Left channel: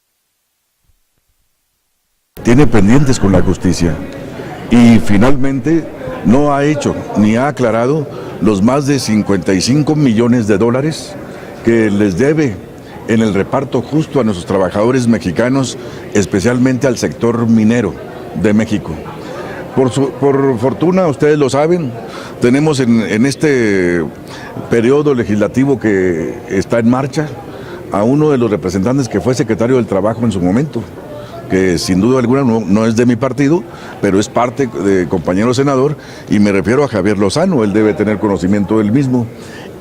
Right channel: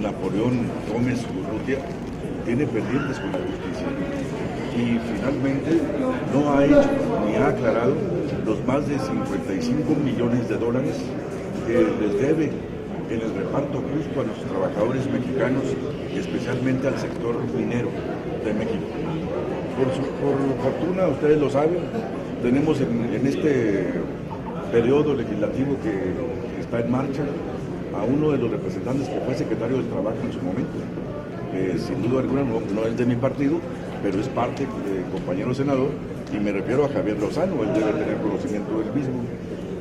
Napoleón Gómez Urrutia tiene pendientes con la justicia y finalmente no ha hecho ni ha aclarado los más de 55 millones de dólares que les debe en el reparto justo a nuestros trabajadores mexicanos, especialmente al sector minero de México. Por fortuna, ustedes lo saben, tenemos en este periodo legislativo que está en marcha a uno de los representantes que fue secretario del Trabajo en su momento, que sin duda alguna no es de mi partido, pero es parte de compañero senador, y me refiero a Javier Lozano. Él debe tener conocimiento del mismo.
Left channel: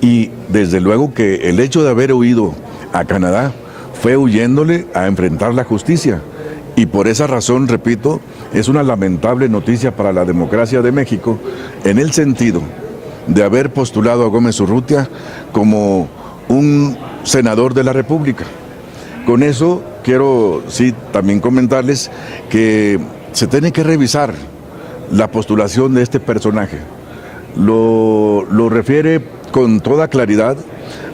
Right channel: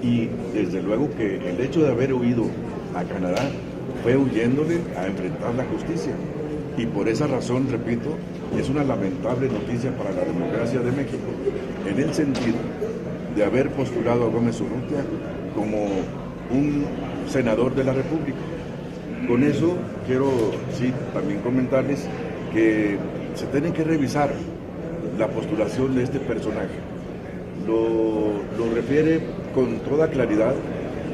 Y desde luego que el hecho de haber huido a Canadá fue huyéndole a enfrentar la justicia. Y por esa razón, repito, es una lamentable noticia para la democracia de México, en el sentido de haber postulado a Gómez Urrutia como un senador de la República. Con eso quiero también comentarles que se tiene que revisar la postulación de este personaje. Lo refiere con toda claridad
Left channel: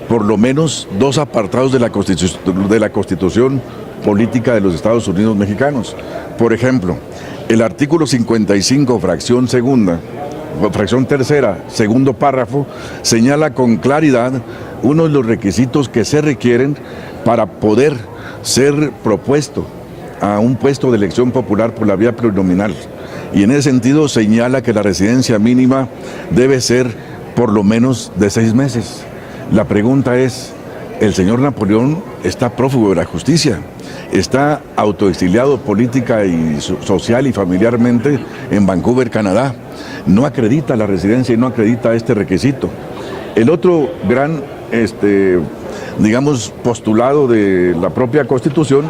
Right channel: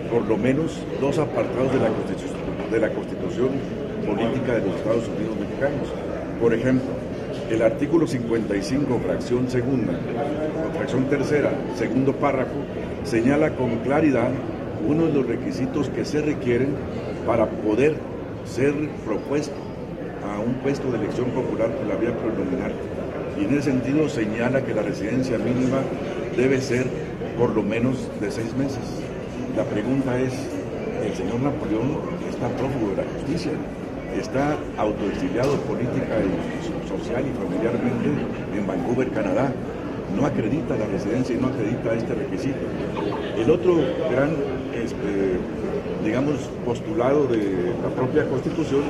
por lo menos dos apartados de la Constitución política de los Estados Unidos mexicanos. Por ejemplo, el artículo 55, fracción tercera, segundo párrafo, señala con claridad uno de los requisitos que se requieren para poder ser propuesto a un puesto de elección popular por la vía plurinominal. Y en ese sentido señala que la residencia mínima debe ser por lo menos de 6 meses. La pregunta es, el señor Napoleón está prófugo de la justicia, está autoexiliado política y social y familiarmente en Vancouver, Canadá. No acredita la residencia y no acredita este requisito. El otro gran, postulado de la propia Constitución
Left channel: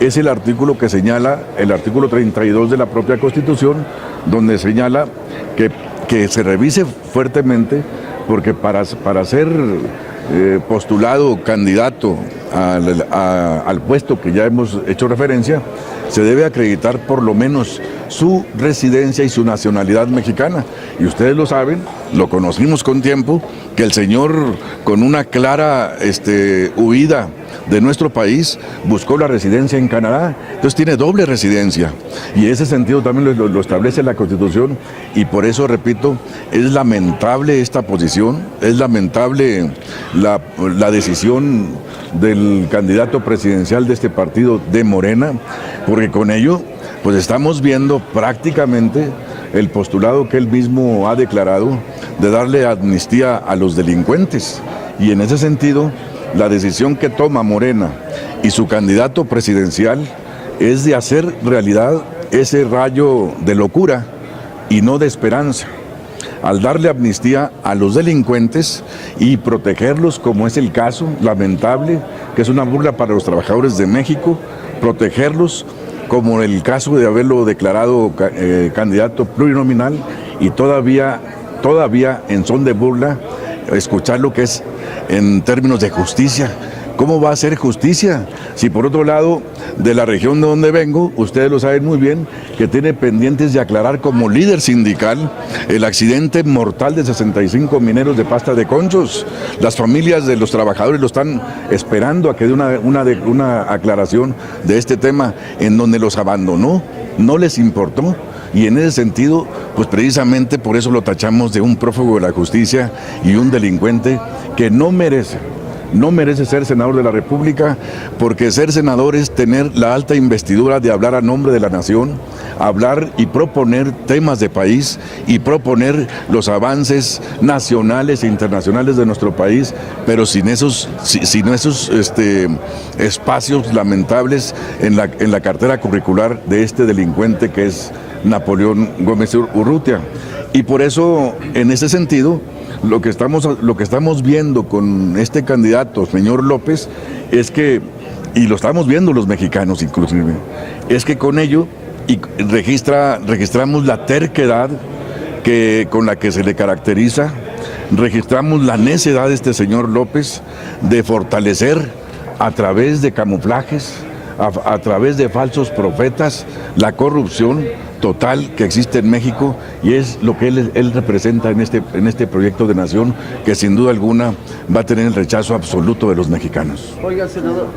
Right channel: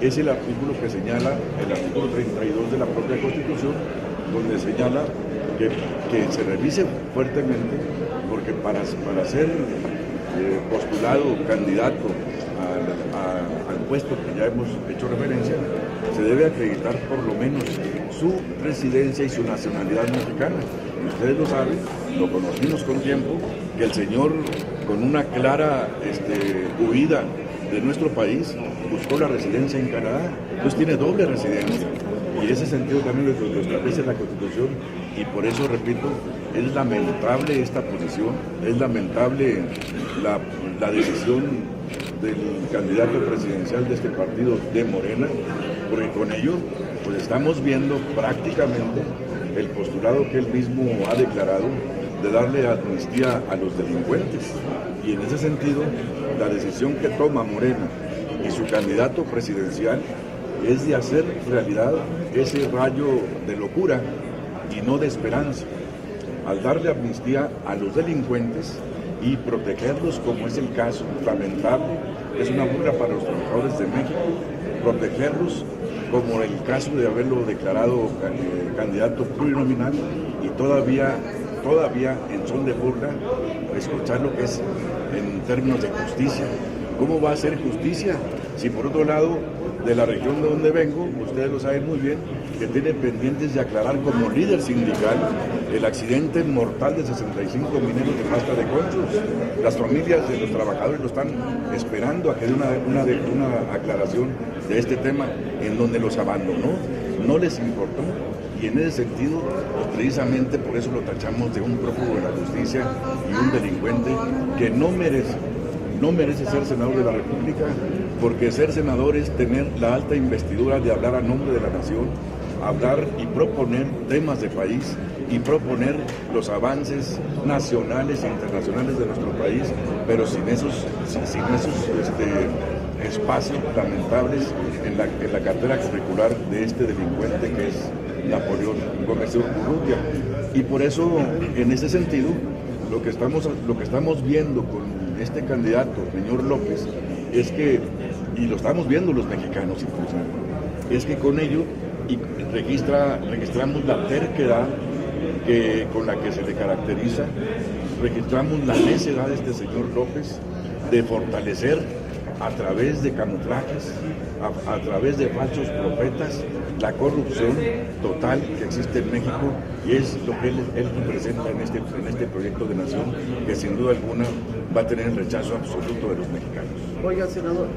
es el artículo que señala, el artículo 32 de la propia Constitución, donde señala que se revise fuertemente, porque para ser postulado candidato al puesto que ya hemos hecho referencia, se debe acreditar por lo menos su residencia y su nacionalidad mexicana. Y ustedes lo saben, lo conocimos con tiempo, que el señor, con una clara huida de nuestro país, buscó la residencia en Canadá. Entonces tiene doble residencia, y ese sentido también lo establece la Constitución, y por eso, repito, es lamentable esta posición, es lamentable la decisión del candidato presidencial de este partido, de Morena, porque con ello pues estamos viendo prácticamente el postulado que él mismo ha declarado de darle amnistía a los delincuentes. Y en ese sentido, la decisión que toma Morena y su candidato presidencial es de hacer realidad ese rayo de locura y no de esperanza, al darle amnistía a los delincuentes y protegerlos, como es el caso lamentable, que es una burla para los trabajadores de México, protegerlos como el caso de haberlo declarado candidato plurinominal, y todavía en son de burla escuchar lo que es en términos de justicia. ¿Cómo va a ser justicia? Si por otro lado, de la región de donde vengo, ustedes lo saben muy bien, que tiene pendientes de aclarar como líder sindical el accidente mortal de 65 mineros de Pasta de Conchos. Las familias de los trabajadores lo están esperando a que dé una aclaración de este tema, en donde los abandonó, no les importó. Y en ese sentido, pues precisamente por eso lo tachamos de un prófugo de la justicia y un delincuente que no merece ser senador de la República, porque ser senador es tener la alta investidura de hablar a nombre de la nación, hablar y proponer temas de país y proponer los avances nacionales e internacionales de nuestro país, pero sin esos espacios lamentables en la cartera curricular de este delincuente que es Napoleón Gómez Urrutia. Y por eso, en ese sentido, lo que estamos viendo con este candidato, señor López, es que, y lo estamos viendo los mexicanos inclusive, es que con ello registramos la terquedad con la que se le caracteriza, registramos la necedad de este señor López de fortalecer a través de camuflajes, a través de falsos profetas, la corrupción total que existe en México, y es lo que él representa en este proyecto de nación, que sin duda alguna va a tener el rechazo absoluto de los mexicanos. Oiga, senador,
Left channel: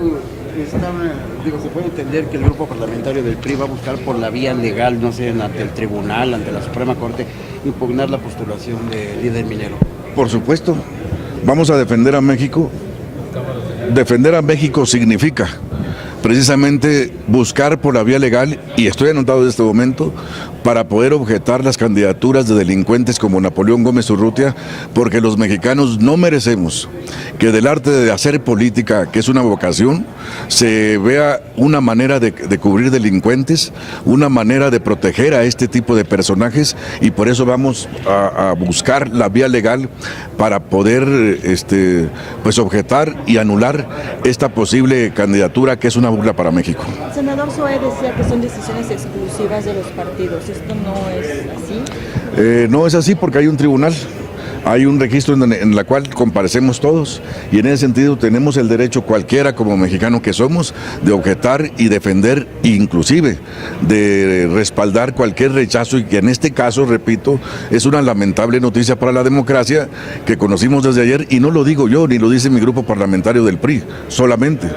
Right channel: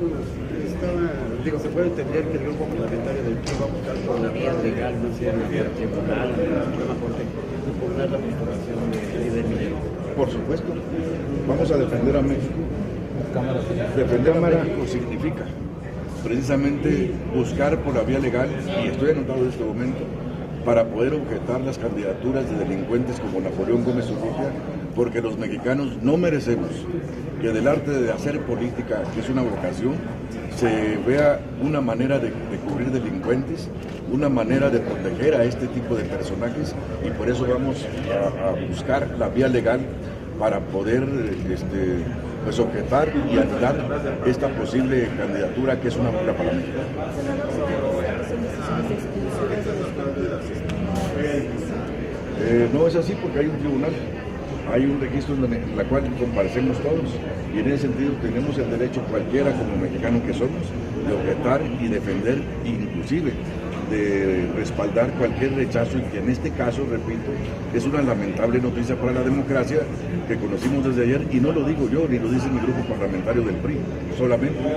Se puede entender que el grupo parlamentario del PRI va a buscar por la vía legal, no sé, ante el tribunal, ante la Suprema Corte, impugnar la postulación del líder minero. Por supuesto, vamos a defender a México. Defender a México significa precisamente buscar por la vía legal, y estoy anotado en este momento, para poder objetar las candidaturas de delincuentes como Napoleón Gómez Urrutia, porque los mexicanos no merecemos que del arte de hacer política, que es una vocación, se vea una manera de cubrir delincuentes, una manera de proteger a este tipo de personajes, y por eso vamos a buscar la vía legal para poder pues objetar y anular esta posible candidatura que es una burla para México. Senador Zoé decía que son decisiones exclusivas de los partidos. ¿Esto no es así? No es así porque hay un tribunal. Hay un registro en la cual comparecemos todos, y en ese sentido tenemos el derecho, cualquiera como mexicano que somos, de objetar y defender, inclusive de respaldar cualquier rechazo, y que en este caso, repito, es una lamentable noticia para la democracia que conocimos desde ayer, y no lo digo yo, ni lo dice mi grupo parlamentario del PRI, solamente.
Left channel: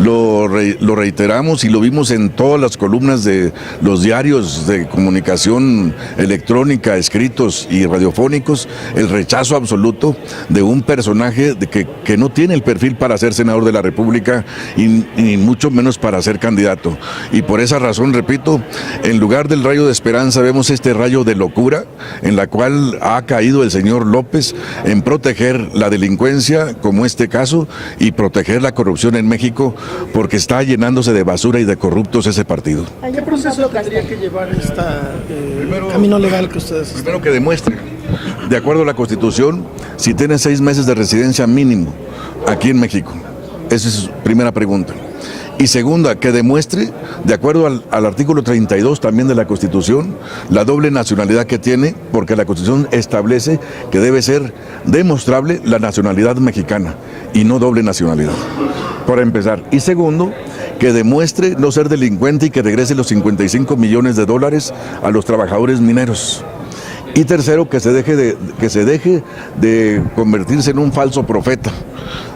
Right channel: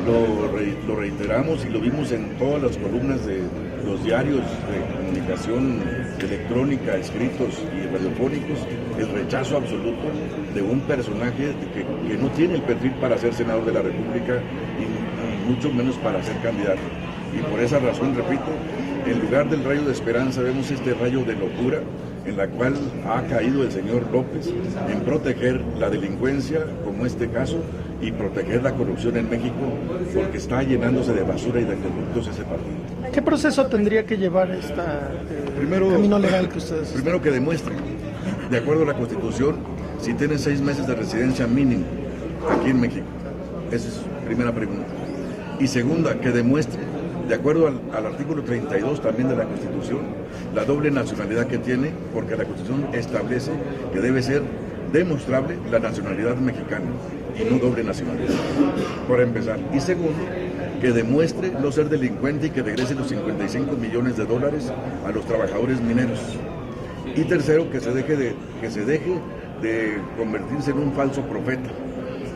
Lo reiteramos y lo vimos en todas las columnas de los diarios de comunicación electrónica, escritos y radiofónicos, el rechazo absoluto de un personaje que no tiene el perfil para ser senador de la República y mucho menos para ser candidato. Y por esa razón, repito, en lugar del rayo de esperanza vemos este rayo de locura en la cual ha caído el señor López en proteger la delincuencia, como este caso, y proteger la corrupción en México, porque está llenándose de basura y de corruptos ese partido. ¿Qué proceso tendría que llevar camino legal que ustedes están? Primero, que demuestre, de acuerdo a la Constitución, si tiene 6 meses de residencia mínimo aquí en México. Esa es su primera pregunta. Y segunda, que demuestre, de acuerdo al artículo 32 también de la Constitución, la doble nacionalidad que tiene, porque la Constitución establece que debe ser demostrable la nacionalidad mexicana y no doble nacionalidad, por empezar. Y segundo, que demuestre no ser delincuente y que regrese los 55 millones de dólares a los trabajadores mineros. Y tercero, que se deje de convertirse en un falso profeta,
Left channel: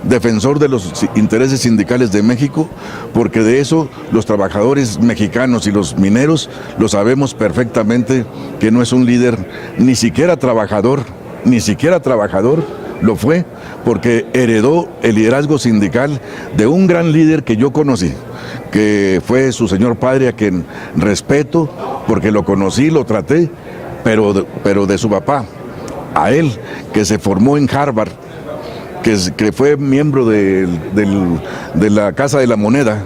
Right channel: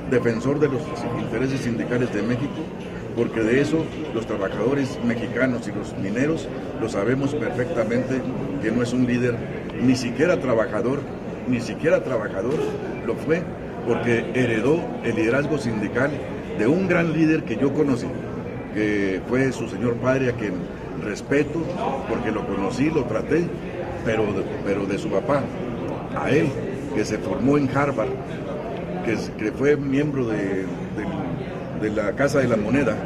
defensor de los intereses sindicales de México, porque de eso los trabajadores mexicanos y los mineros lo sabemos perfectamente, que no es un líder ni siquiera trabajador, lo fue, porque heredó el liderazgo sindical de un gran líder que yo conocí, que fue su señor padre, a quien respeto, porque lo conocí, lo traté, pero de su papá, a él, que se formó en Harvard, que fue miembro de la Casa de la Moneda,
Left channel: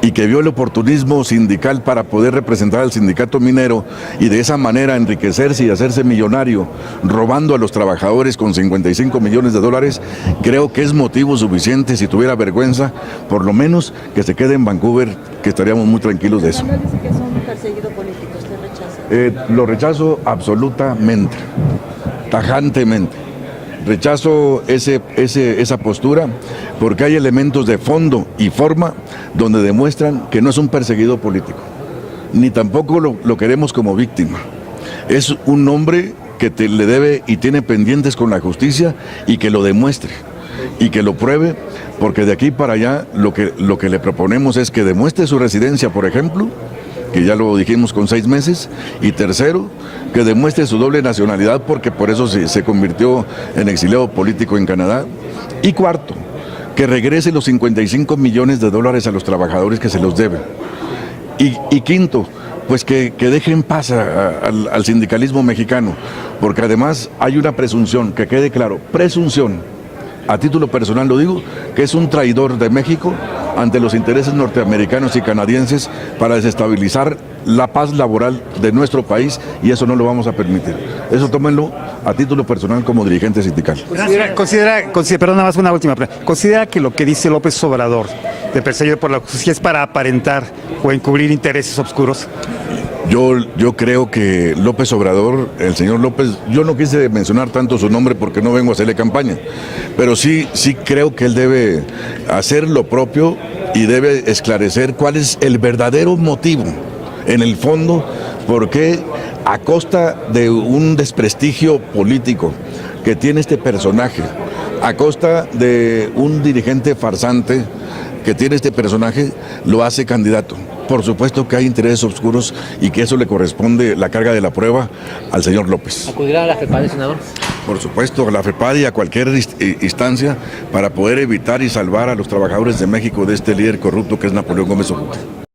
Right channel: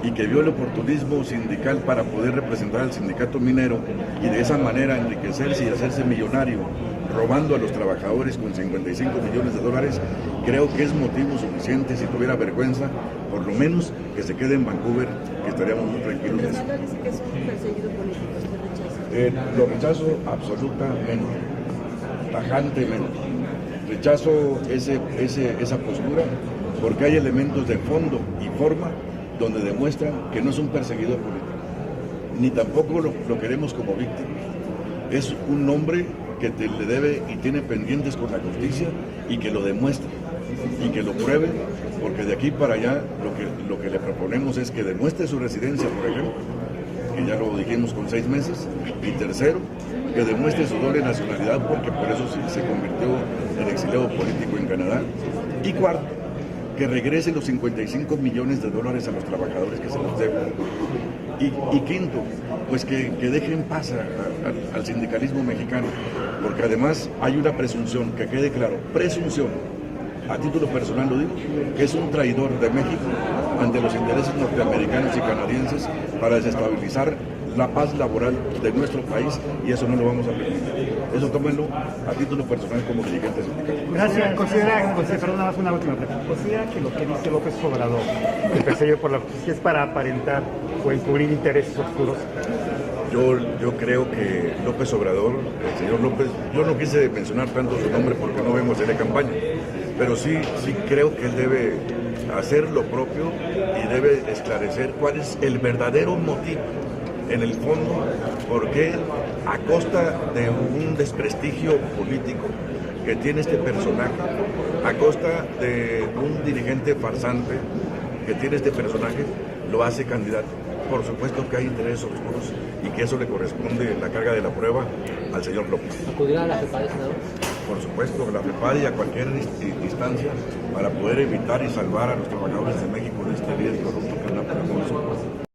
y que vio el oportunismo sindical para poder representar al sindicato minero y de esa manera enriquecerse y hacerse millonario, robando a los trabajadores con 55 millones de dólares, creo que es motivo suficiente, si tuviera vergüenza, por lo menos que se quede en Vancouver, que estaríamos muy tranquilos de eso. Manuel dice que es un perseguido político, ¿usted rechaza? Lo rechazo absolutamente, tajantemente. Rechazo esa postura, porque hay elementos de fondo y forma donde demuestran que no es un perseguido político, ni tampoco lo queremos como víctima. Es un hombre que le debe y tiene pendientes con la justicia, y que lo demuestre y que lo pruebe, porque de aquí para allá lo que le proponemos es que demuestre su residencia, por ejemplo, que ya lo dijimos, con 6 meses, y tercero, que demuestre su doble nacionalidad, porque por eso se convirtió en exiliado político en Canadá, y cuarto, que regrese los 55 millones de dólares a los trabajadores que se los deben, y quinto, pues que deje en paz al sindicalismo mexicano, porque además hay una presunción, que quede claro, presunción, a título personal lo digo, que es un traidor de México ante los intereses norteamericanos y canadienses para desestabilizar la paz laboral de nuestro país, y eso no lo vamos a permitir. Eso tómenlo a título personal como dirigente sindical. Perdón, nada más una última pregunta. ¿Considera que lo que dice López Obrador de perseguir por la justicia es para aparentar o encubrir intereses oscuros? Yo creo que López Obrador, el señor López, yo no quise mencionar tanto su nombre porque no vengo a hacerle campaña, pero sí creo que él debe hacer lo propio y debe esclarecer cuál es el verdadero motivo, en el fondo, por qué a costa de un desprestigio político que tiene este personaje, a costa de un dirigente farsante, que tiene este personaje lo hace candidato. Por supuesto que hay intereses oscuros y que eso le corresponde la carga de la prueba al señor López. ¿Acudirá a la FEPADE, senador? Por supuesto, a la FEPADE y a cualquier instancia para poder evitar y salvar a los trabajadores de México de este líder corrupto que es Napoleón Gómez Urrutia.